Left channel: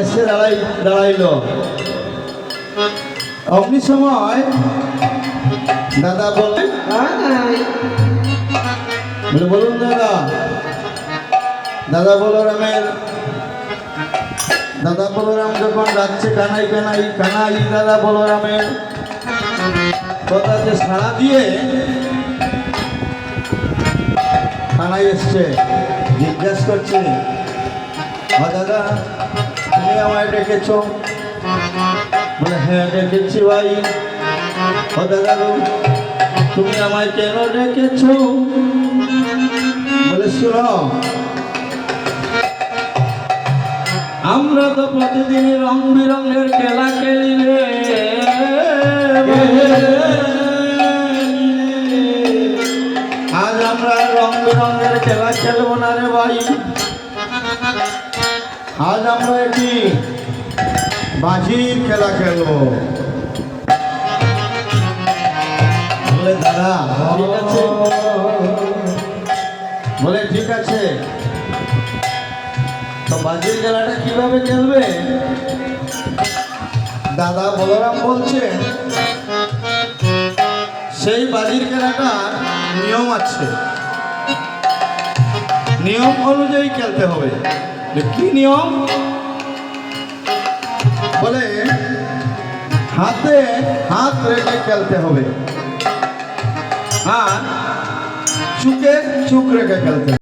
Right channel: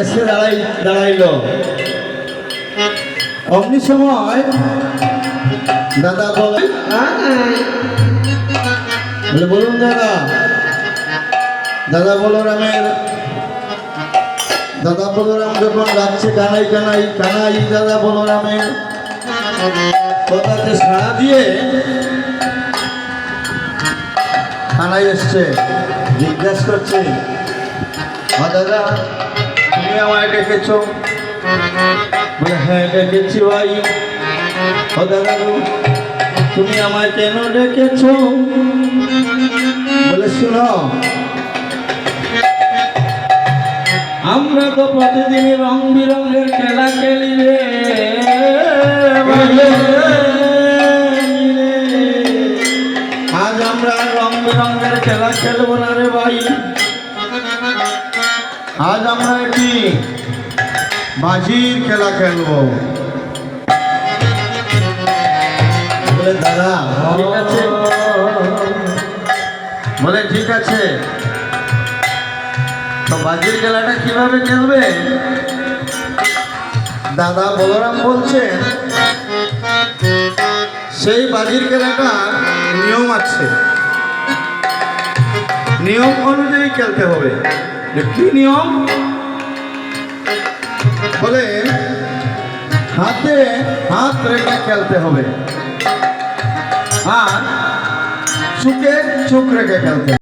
এসে দাঁড়াইলো। অমনি সময় দাদা বলে, বলুন দাদা। দাদা বলরাম যখন ডাকছে কানাই কানাই কানাই, দাদা বলরামের কথাতে সাড়া দিয়ে কানাই এসছে, জিজ্ঞাসা করছে, দাদা তুমি আমায় ডেকেছ? বলে হ্যাঁ ডেকেছি ভাই। দাদা তুমি আমায় কেন ডেকেছ? বলে শুনো, আমরা তো প্রতিদিনই রং বিরঙের খেলা খেলি রে, আজ আমরা রং বিরঙের খেলা খেলবো না রে ভাই। আজ আমরা একটি বাজির খেলা খেলবো। বলে দাদা ঠিক আছে। বলে ঠিক আছে, তো বাজির খেলাটা কিভাবে খেলবে? দাদা বলরাম বলছে, সেই বাজির খেলাটা নিয়ম আছে, নিয়ম অনুযায়ী খেলতে হবে। কি নিয়ম? বলে হাতে হাত রেখে খেলতে হবে, আর চুকে চুক রেখে খেলতে হবে।